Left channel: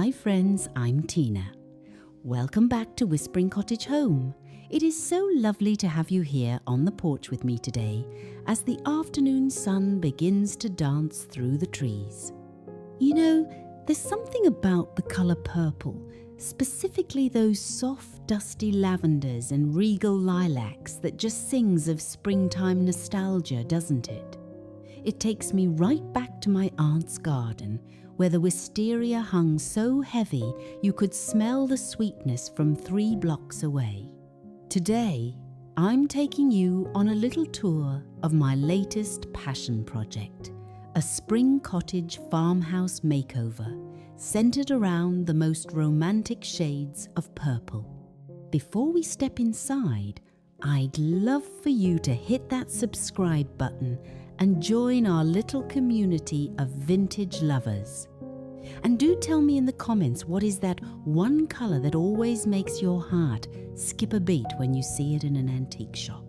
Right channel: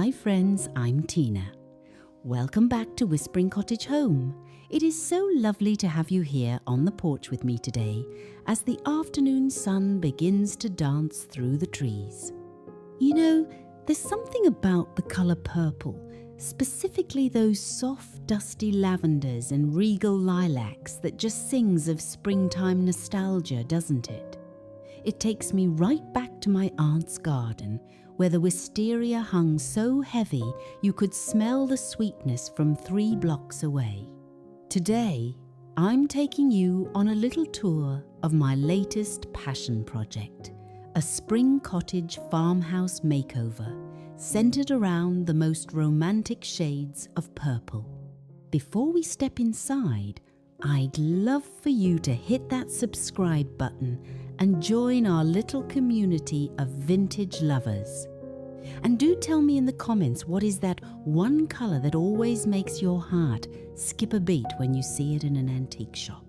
Hi friends, I'm Tina. Welcome back to Whispering Cottage Home. It is so lovely to have you here on the porch with me today as the afternoon sun begins to dance through the trees. You know, there's something about the colour purple, specifically those soft, dusty lavenders and regal lilacs that just sings of springtime nostalgia, doesn't it? It takes me right back to my aunt's garden, where the wisteria hung so heavy you could smell the sweetness from 3 blocks away. Today, I'm taking you on a little tour of my latest passion project, a Spring Cottage Farmhouse Makeover, centered around the most romantic shades of purple. Before we step inside, I'd love for you to hit that subscribe button and join our little community of vintage lovers. And do tell me in the comments, what is that one colour that always makes your heart skip a beat when you see it in an antique shop?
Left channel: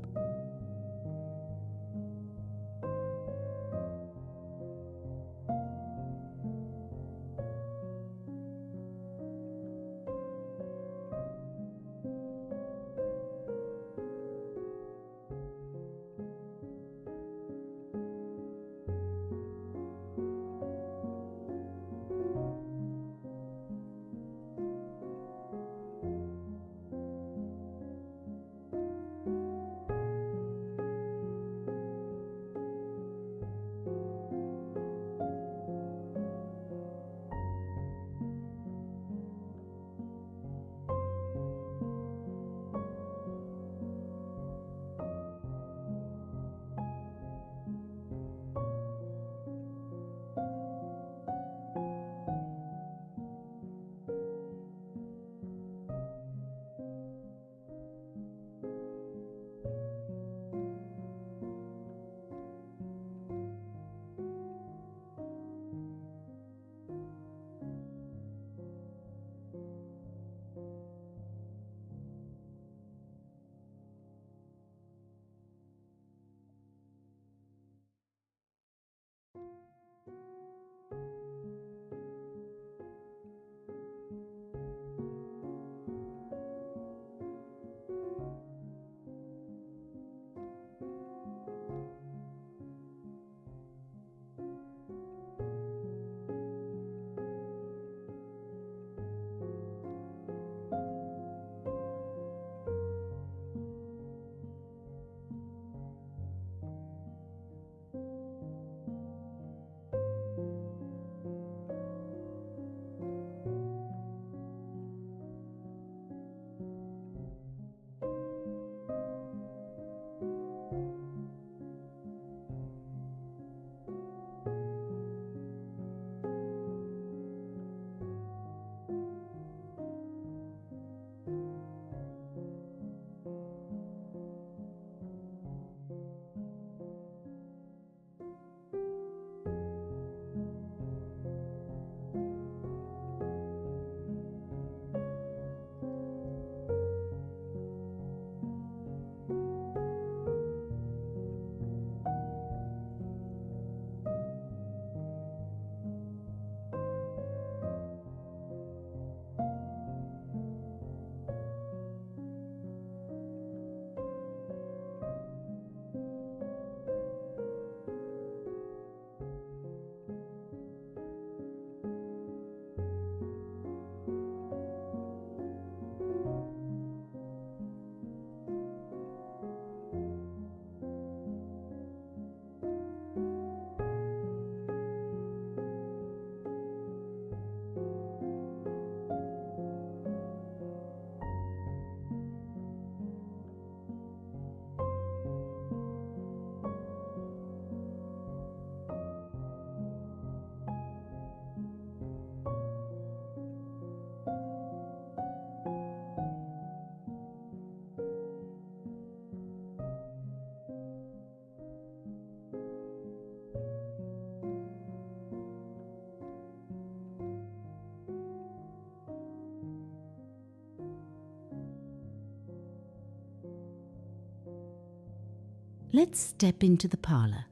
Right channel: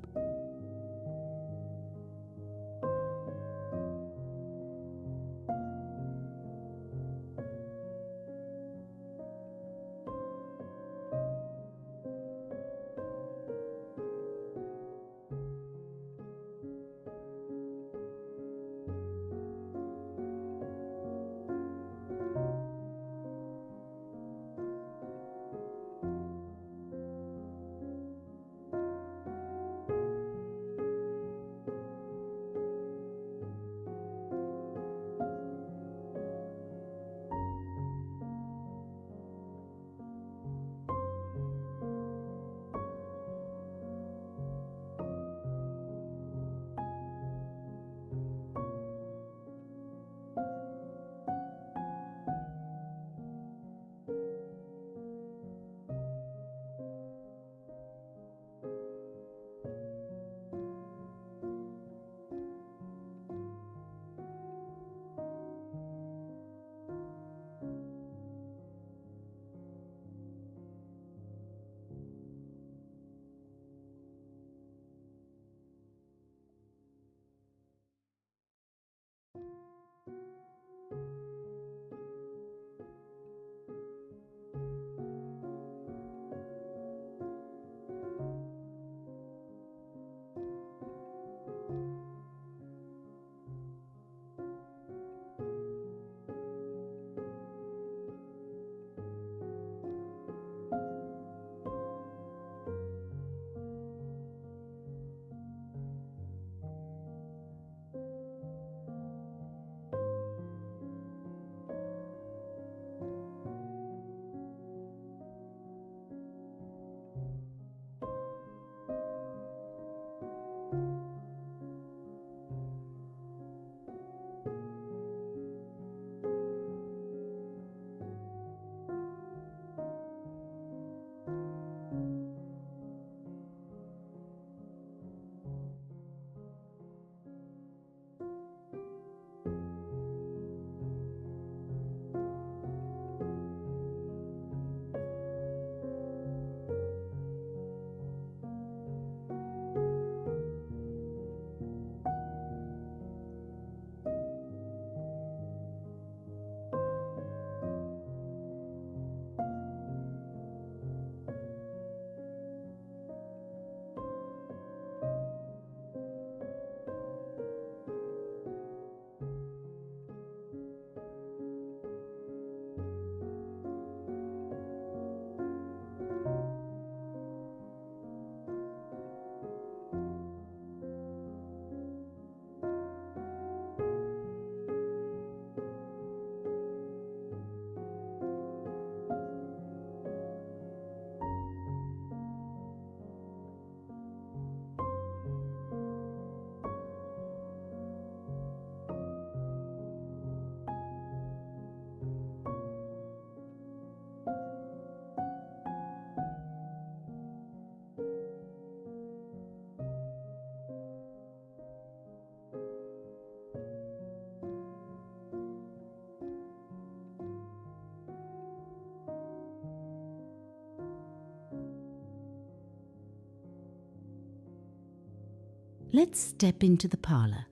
Let's step into the parlour.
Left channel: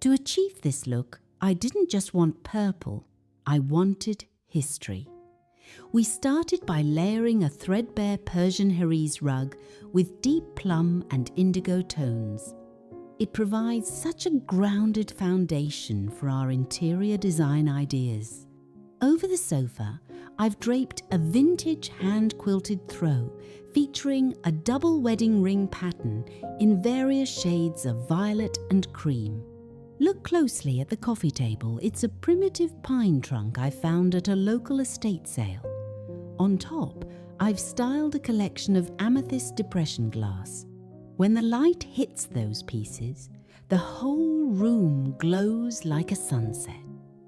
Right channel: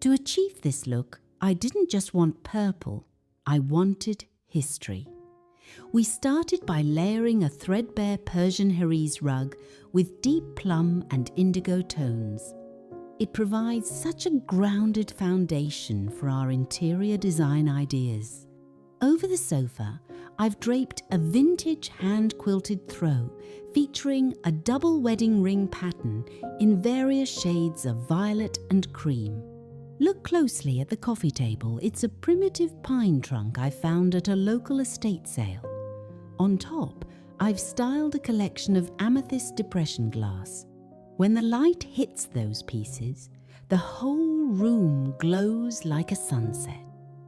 To achieve this look, I didn't just want purple, I wanted history. We started by layering a threadbare Persian Herese rug with deep plum and indigo tones. It provides such a grounded foundation for our interior design ideas. Over the sofa, I've draped a vintage hand-quilted throw featuring a double wedding ring pattern in various shades of violet and cream. Look closely at the coffee table. It's a primitive pine trunk I found at a local estate sale. On top, I've styled a collection of amethyst depression glass. When the light hits those pieces, the whole room glows like a sunset.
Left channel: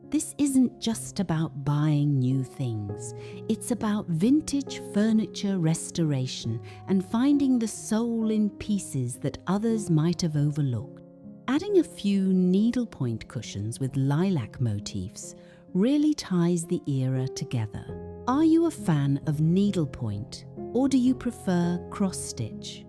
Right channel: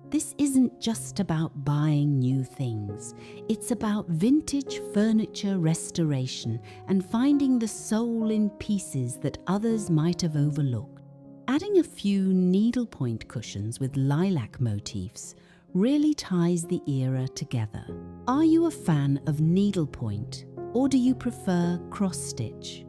This isn't just about buying new things. It's about vintage furniture restoration and finding the soul in pieces that others might have overlooked. Adding a few needlepoint cushions with lilac motifs really ties the era together. Are you a fan of needlepoint, or do you prefer cross-stitch?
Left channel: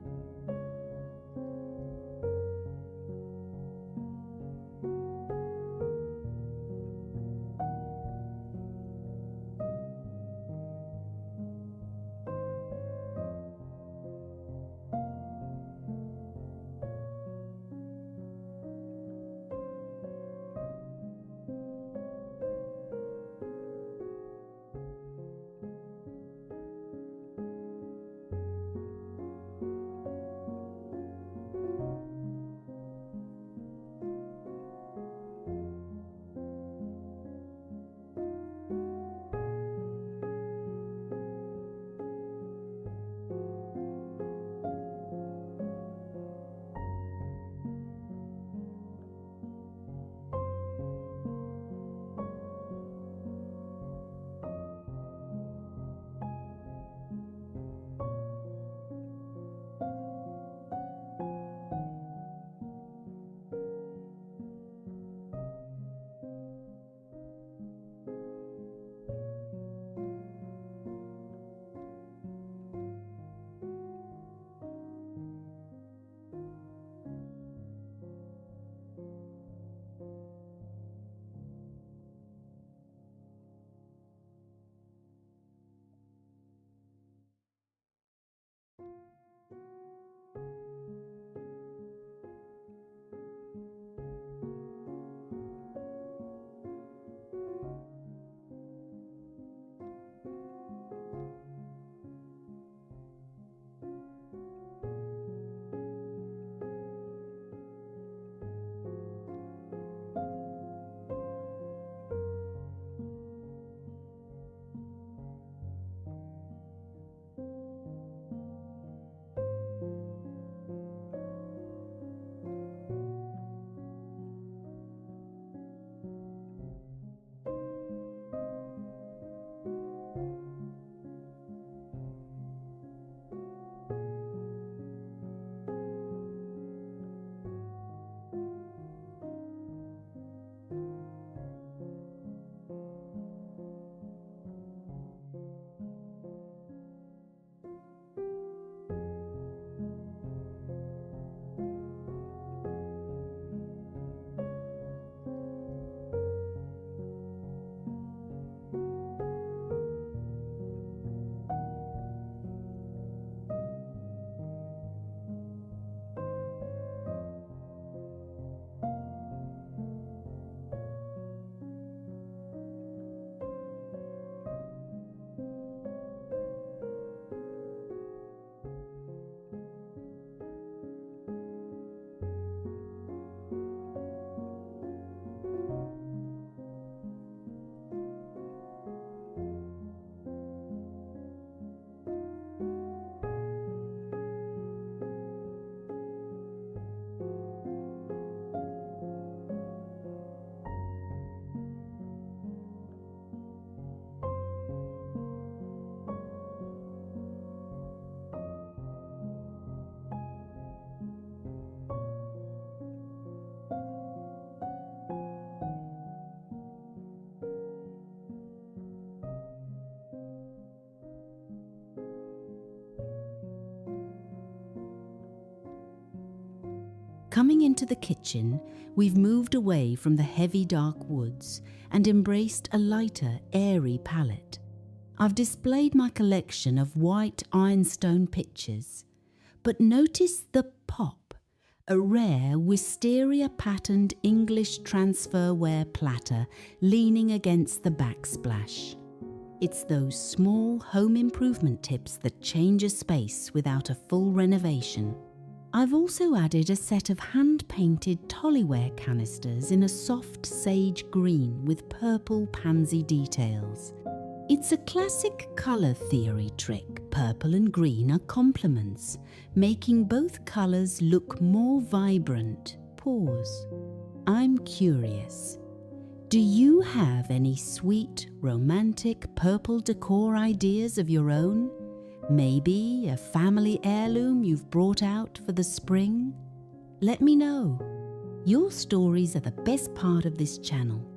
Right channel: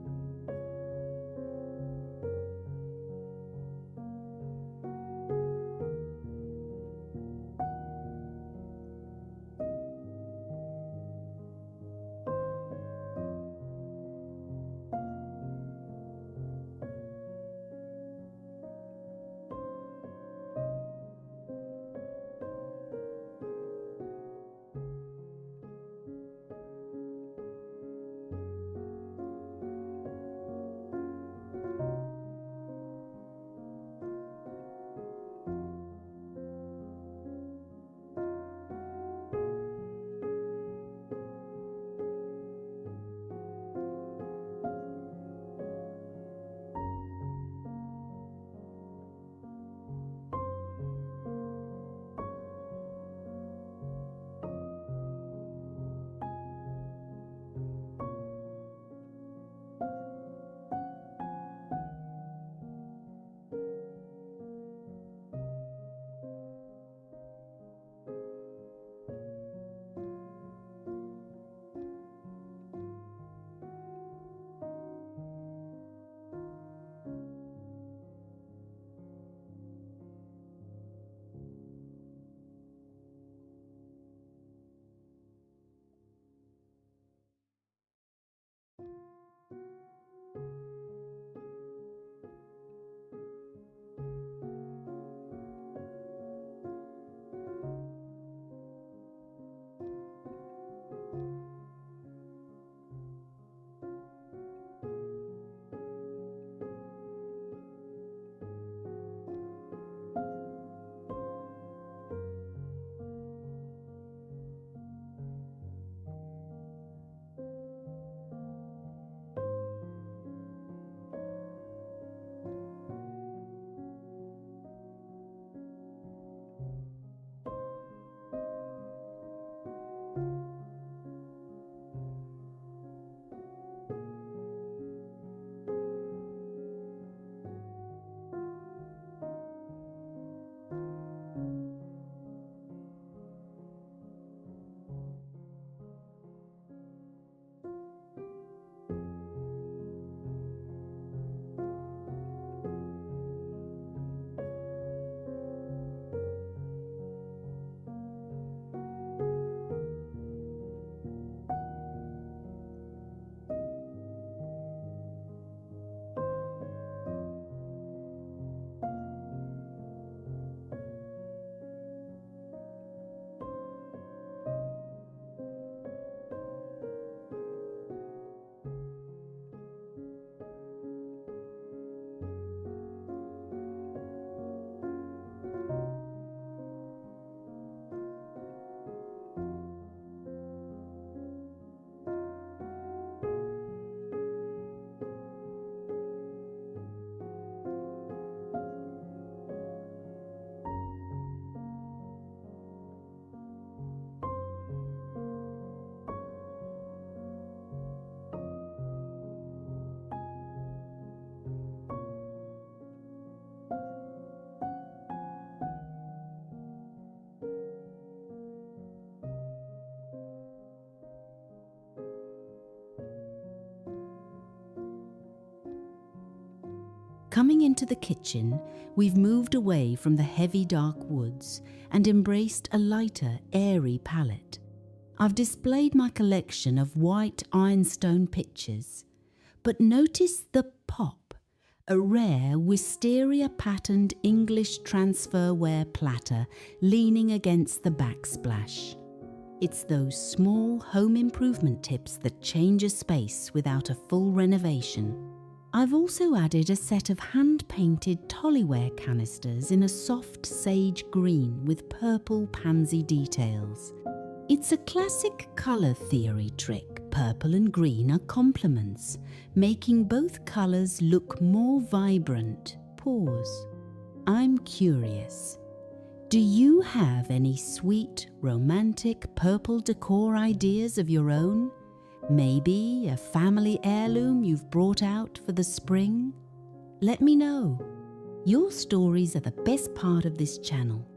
Coming into the kitchen, we've moved away from the heavy dark woods and embraced a lighter, airy palette. I've displayed my collection of white ironstone pictures, but notice the pop, a rare wisteria-patterned English transferware platter leaning against the backsplash. It's those small home improvement tips that change a space without a full renovation. I've also added a set of hand-painted Toleware canisters in a soft sage green with purple pansy details. It's a classic colour theory trick. Purple and green are complements, making both colours look more vibrant. Pause. I'm curious. Do you have any sweet, romantic purple decor ideas of your own? Maybe a family heirloom you've brought out for the spring? Let me know. Your stories are the best part of this channel.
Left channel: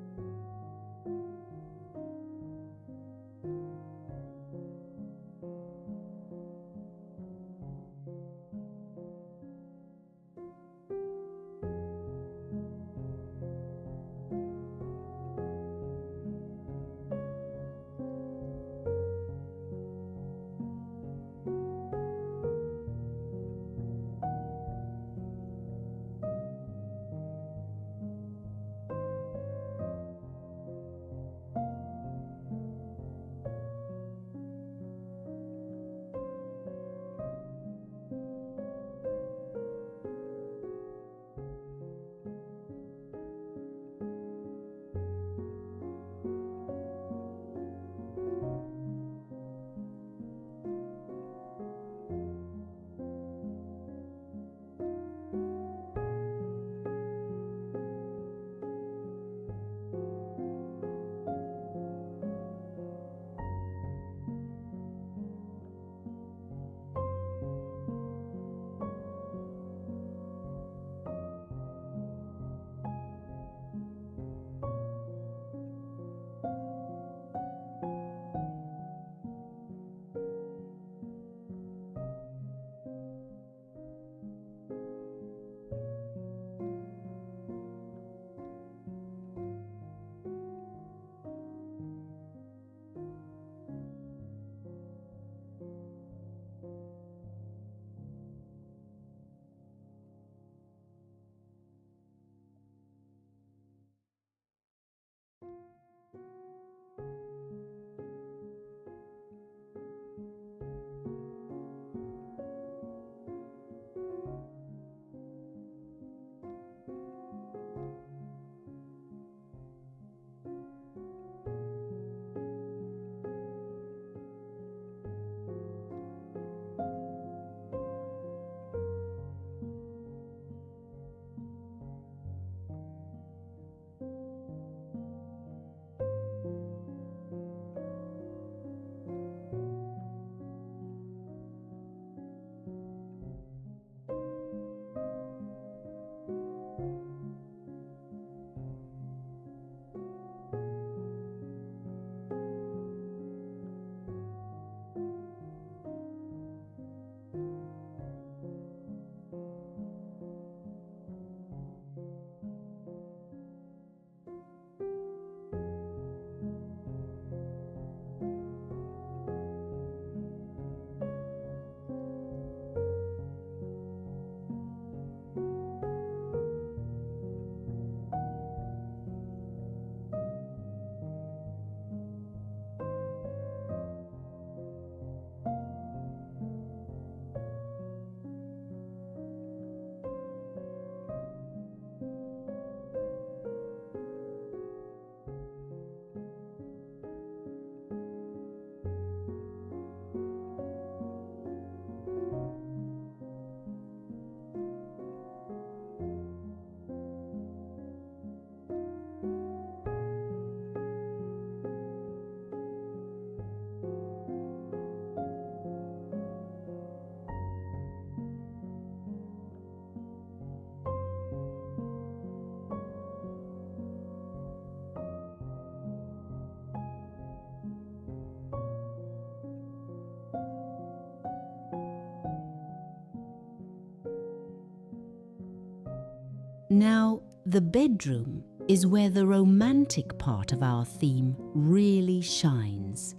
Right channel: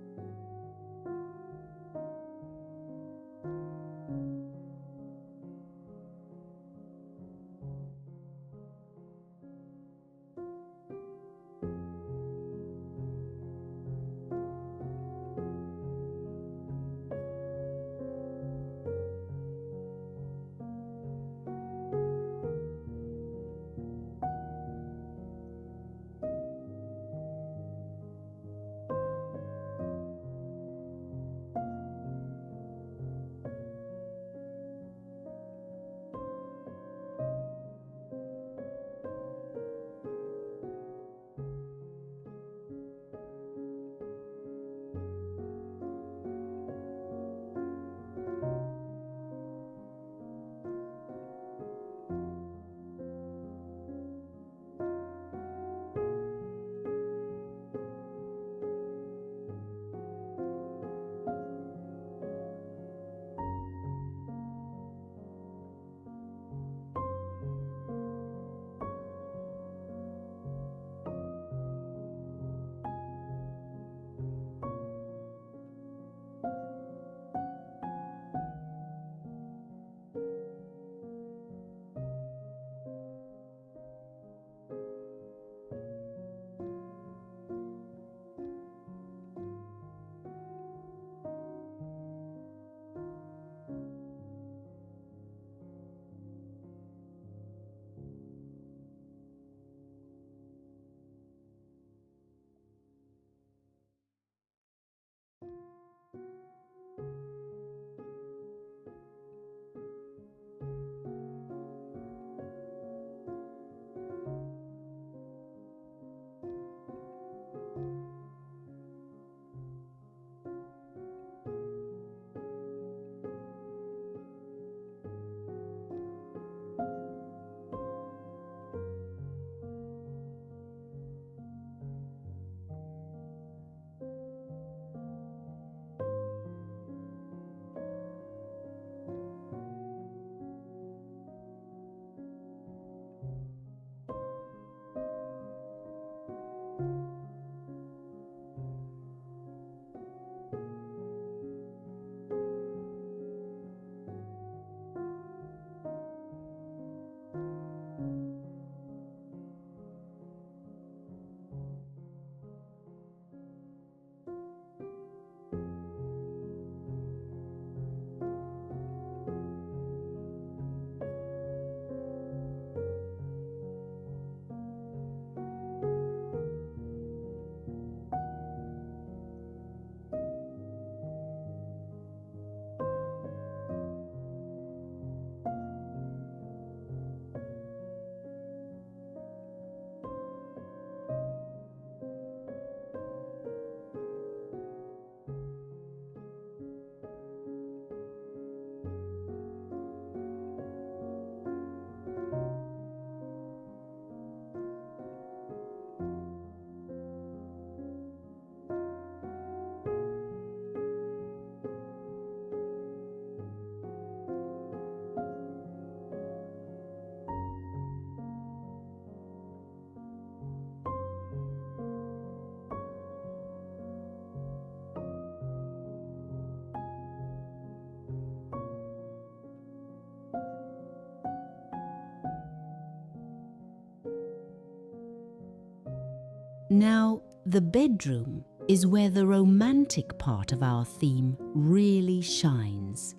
Now, the bedroom is where the romantic part of our theme really shines.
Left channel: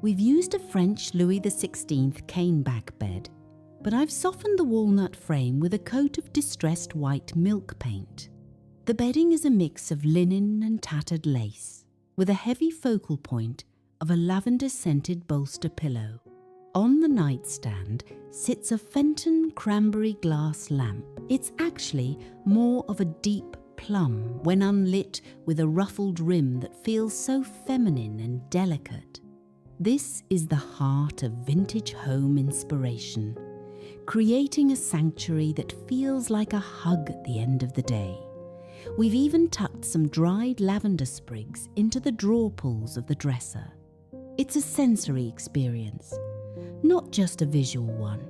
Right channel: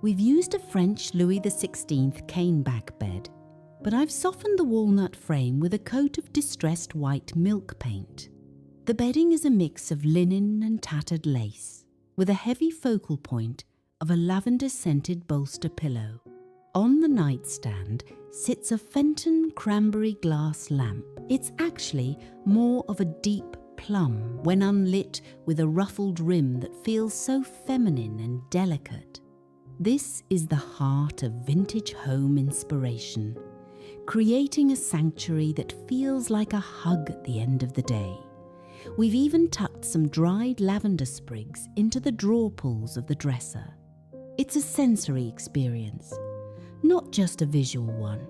We've used a French Louis XVI caneback bed, but I've softened the walnut frame with a coat of distressed white milk paint. The bedding is a mix of linen and tattered lace, with a heavy focal point of a lavender-scented bolster pillow. On the nightstand sits a Fenton cranberry glass lamp. It's actually more of a deep plum when unlit, with a ruffled rim that feels so feminine and delicate. This is the heart of vintage home inspiration, creating a sanctuary that feels like a hug at the end of the day. We've even tucked some dried lavender sprigs into the drawer pulls of the dresser. It's a sensory experience, not just a visual one.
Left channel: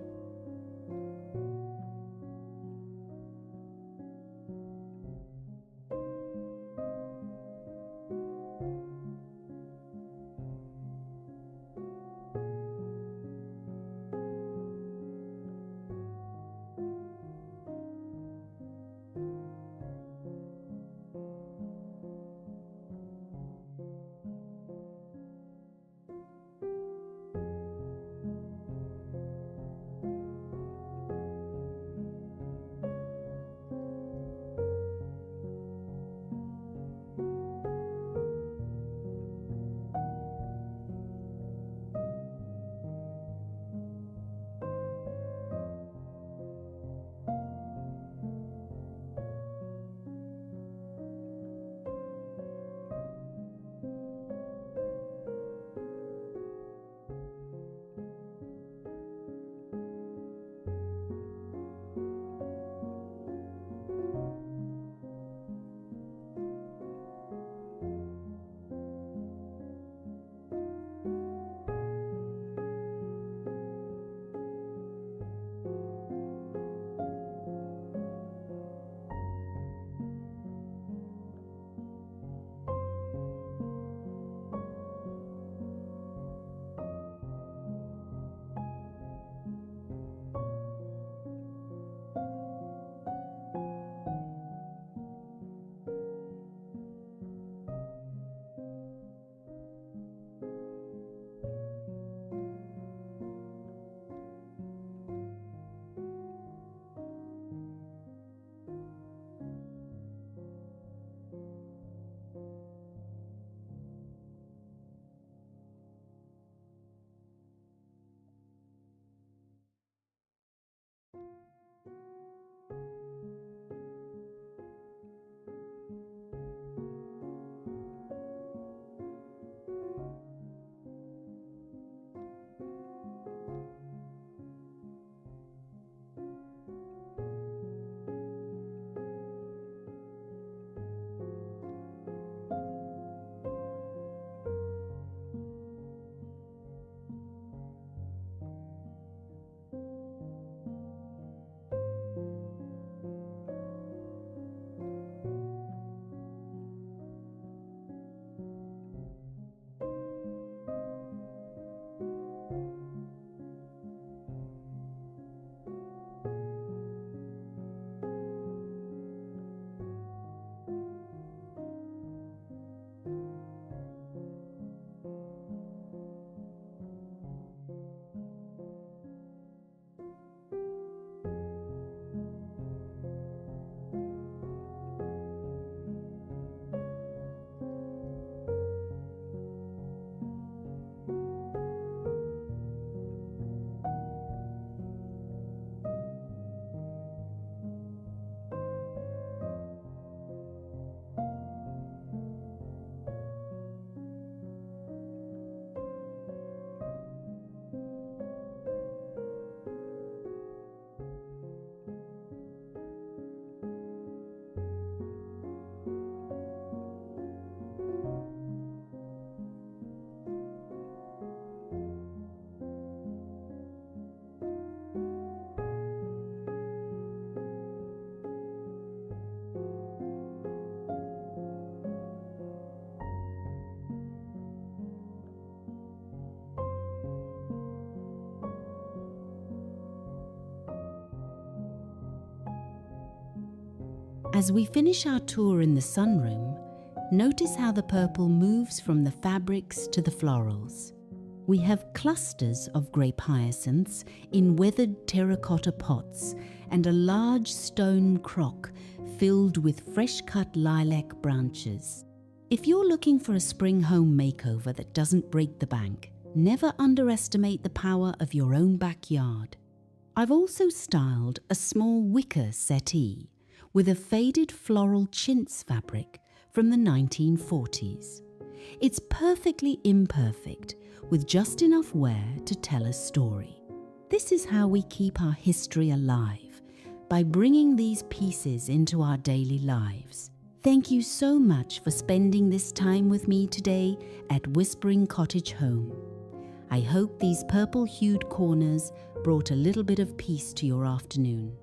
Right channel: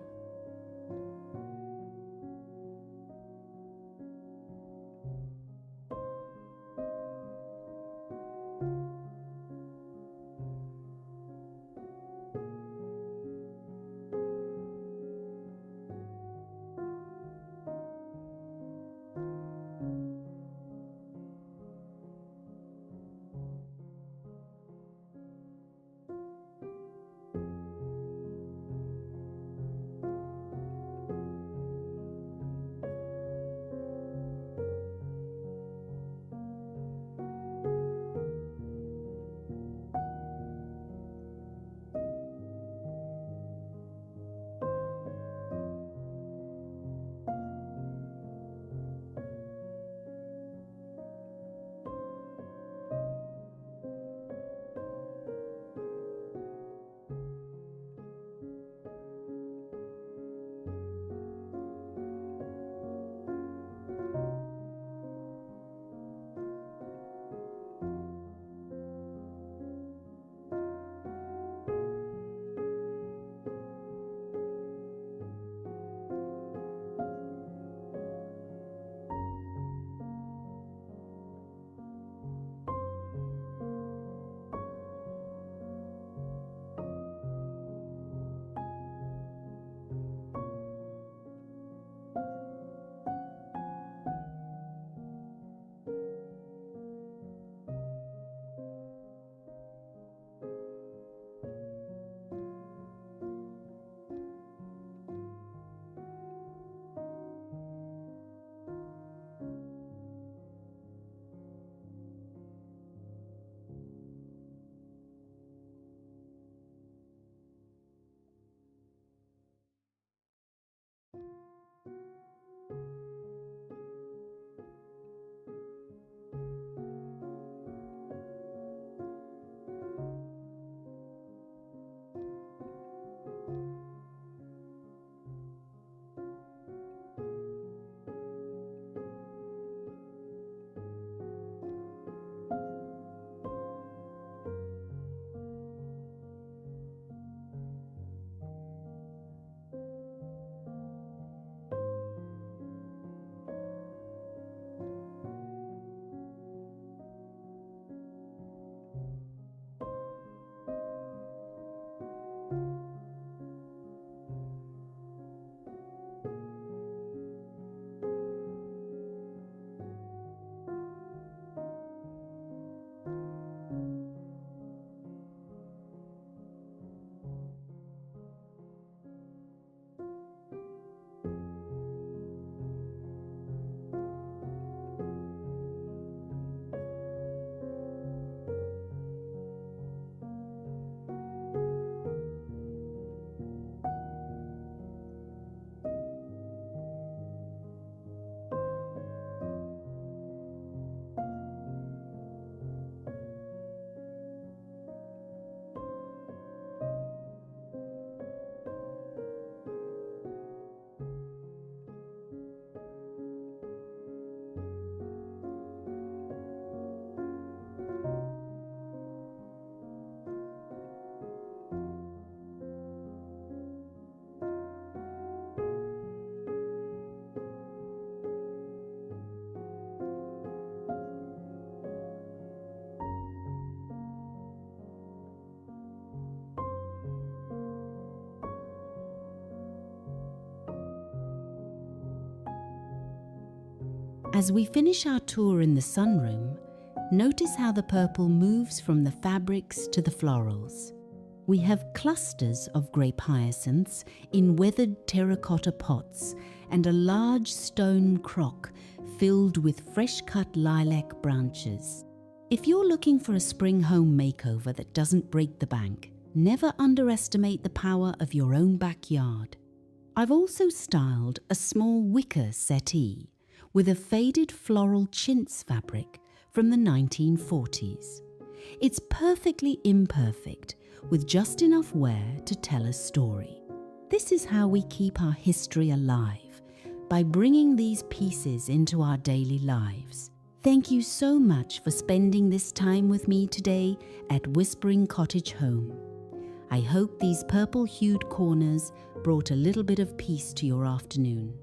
As we finish our tour in the sunroom, notice how the purple moves from the fabrics to the florals. We have clusters of grape hyacinths in weathered terracotta pots and a large stone crock filled with fresh-cut lilac branches. If you're looking for a spring home makeover that doesn't break the bank, never underestimate the power of your own backyard. I've also styled a small wicker settee with a faded floral chintz fabric from the 1940s. It's perfectly imperfect, with just enough wear to tell a story. This is how we keep our history alive, by bringing these pieces into our daily lives. Thank you so much for spending this time with me today at Whispering Cottage Home. I hope these purple-hued corners brought a little bit of peace to your afternoon.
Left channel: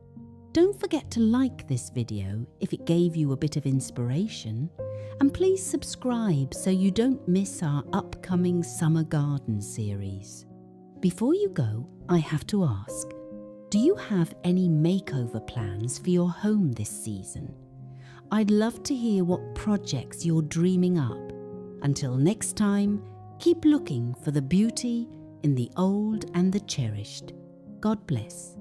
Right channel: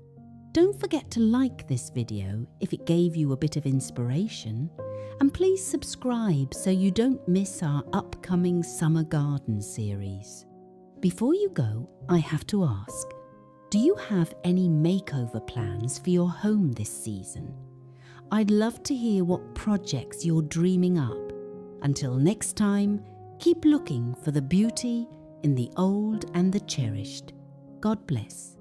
Don't forget to like this video if it gave you a bit of inspiration, and please subscribe so you don't miss our upcoming summer garden series. Before you go, I have to ask, do you have any makeover plans for your home this season? I'd love to hear what projects you're dreaming up. Until next time, keep looking for the beauty in the old and the cherished. God bless.